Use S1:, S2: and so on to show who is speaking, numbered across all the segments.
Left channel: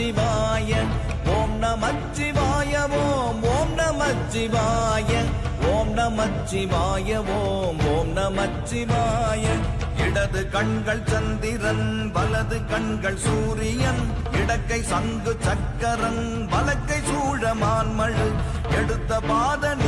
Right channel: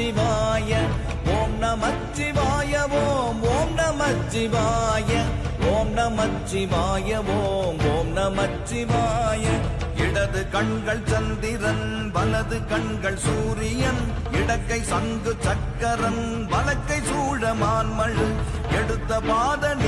S1: நமச்சிவாய ஓம் நமச்சிவாய ஓம் ஓம் நமச்சிவாய ஓம் நமச்சிவாய ஓம் ஓம் நமச்சிவாய இடது கண்கள் சந்திரன் வலது கண்கள் சூரியன் இடக்கை சங்கு சக்கரம் வலக்கை சூழ சூழமான்மழு எடுத்த பாதனி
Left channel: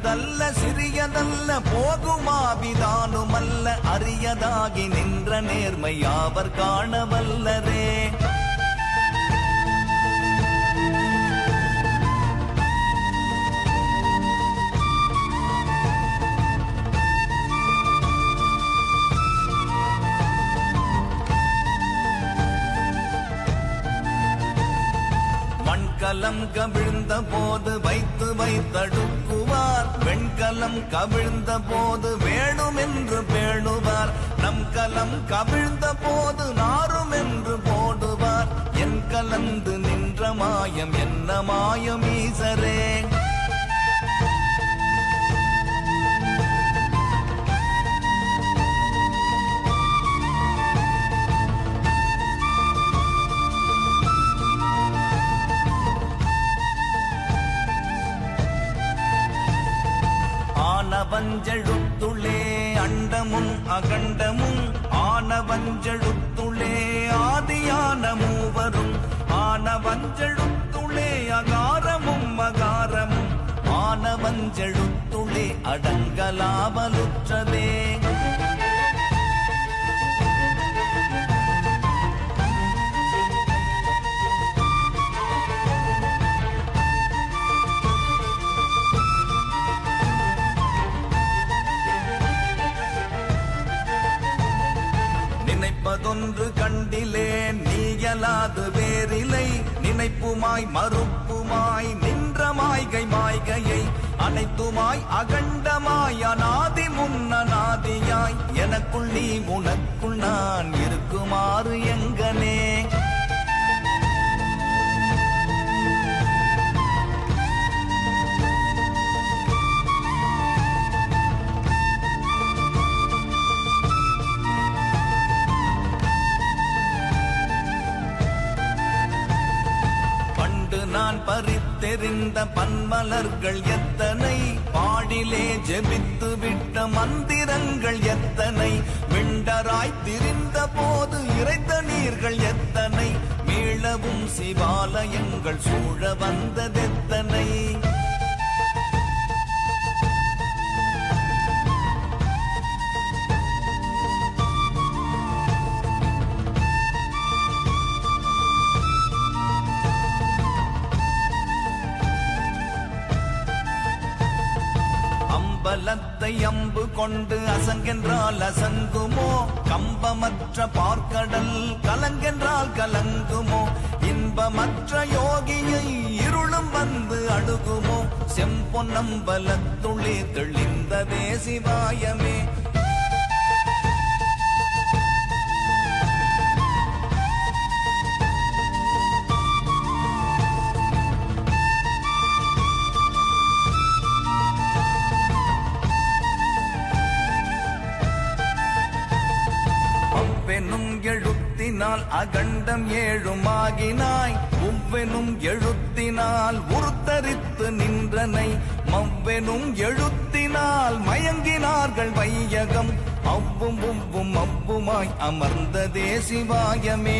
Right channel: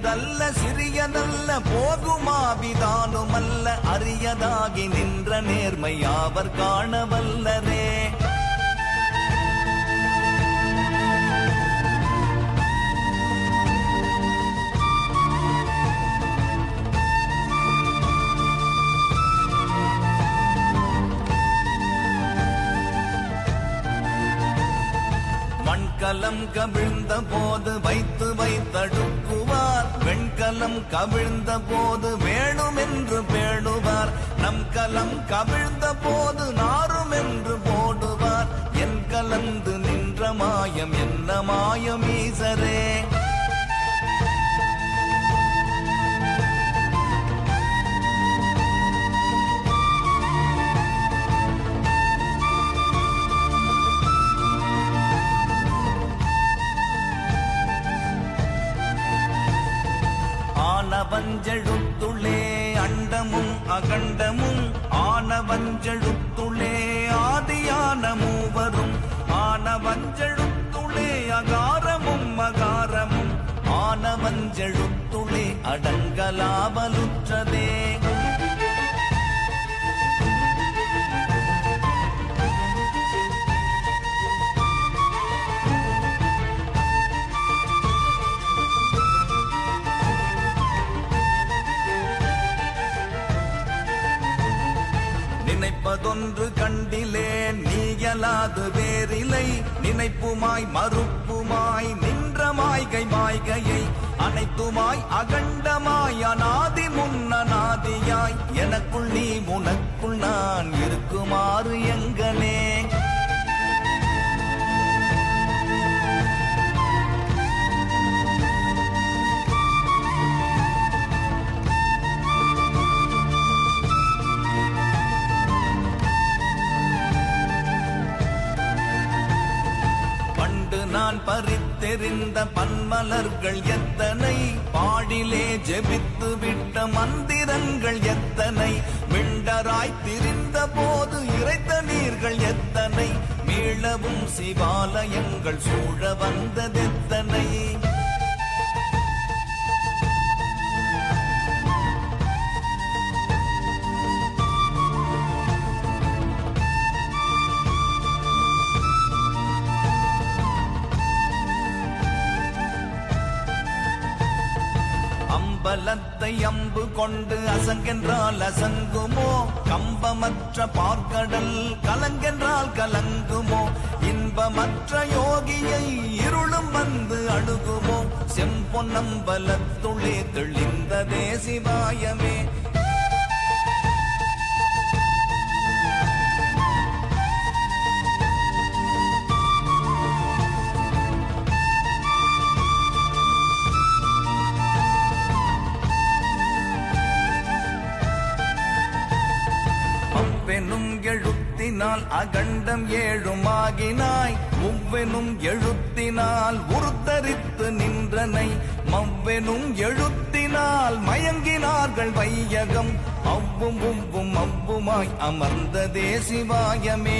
S1: பெரியதல்ல சிறியதல்ல போகுமாவிதானுமல்ல அரியதாகி நின்ற நேர்மை யாவர் காணவல்லரே மறைவுமாய் மறுப்புமாய் நின்ற மாய்கை மாய்கையை அனைத்துமாய் அகண்டமாய் அநாதி முன்னநாதியாய் எனக்குள் நீ கொண்டு அசங்கென்றால் அசங்குமோ? கம்பமற்ற பார்க்கடல் கலங்கென்றால் கலங்குமோ? இன்பமற்ற யோகியை இருளும் வந்து அணுகுமோ? செம்பொன்னம்பலத்துளே சிவாயமே.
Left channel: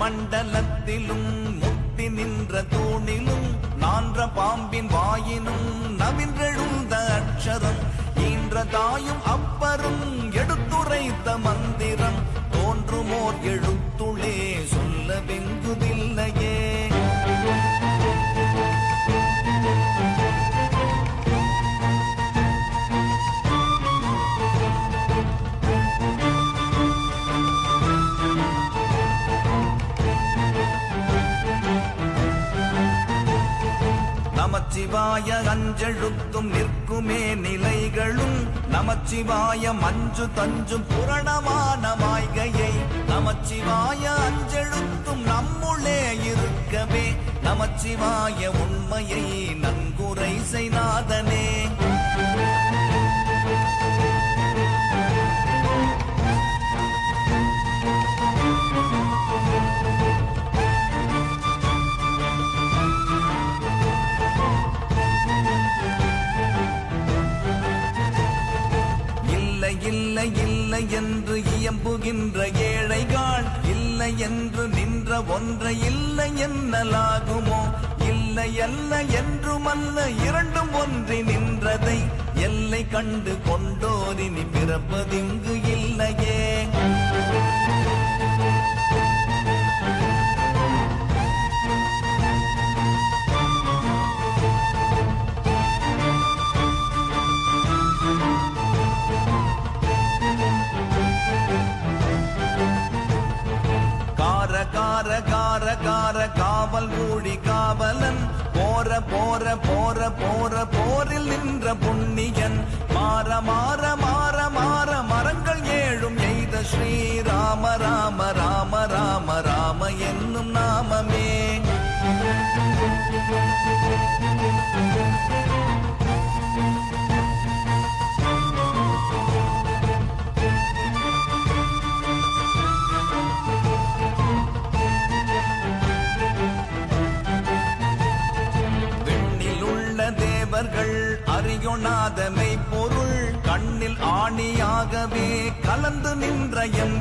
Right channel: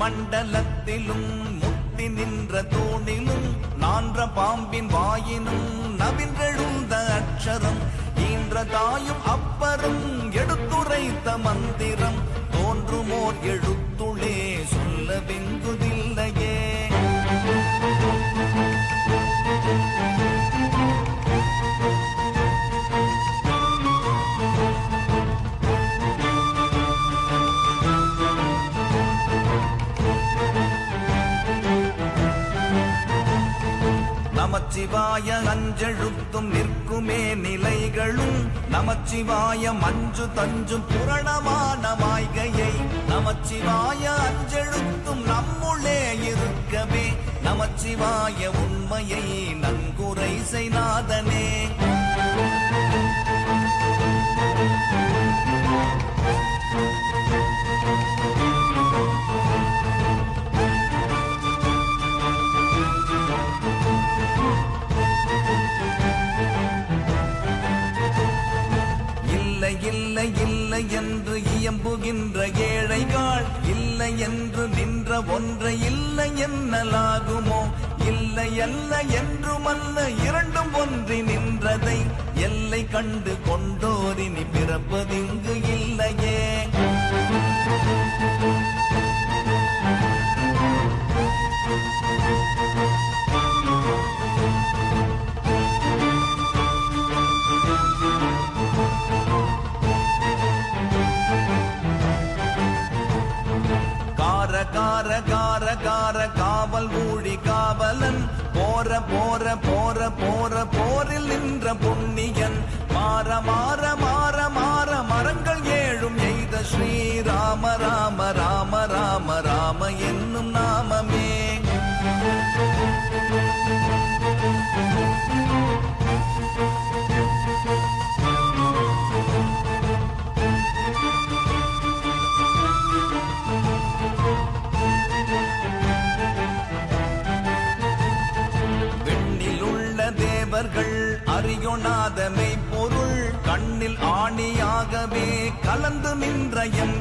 S1: மண்டலத்திலும் முத்தி நின்ற தூணிலும் மான்ற பாம்பின் வாயினும் நவின்றெழுந்த அக்ஷரம் ஈன்ற தாயும் அப்பரும் reír. நமச்சிவாயம் அஞ்சு தஞ்சும் புரணமான மாய்கையை நமச்சிவாய அஞ்செழுத்தும் நம்முள்ளே இருக்கவே நமச்சிவாய உண்மையை அல்ல என்றுமல்ல இரண்டும் ஒன்றி நின்றதை. எல்லை கண்டு கொண்டோரினி பிறப்பதிங்கு இல்லையே. நின்ற என்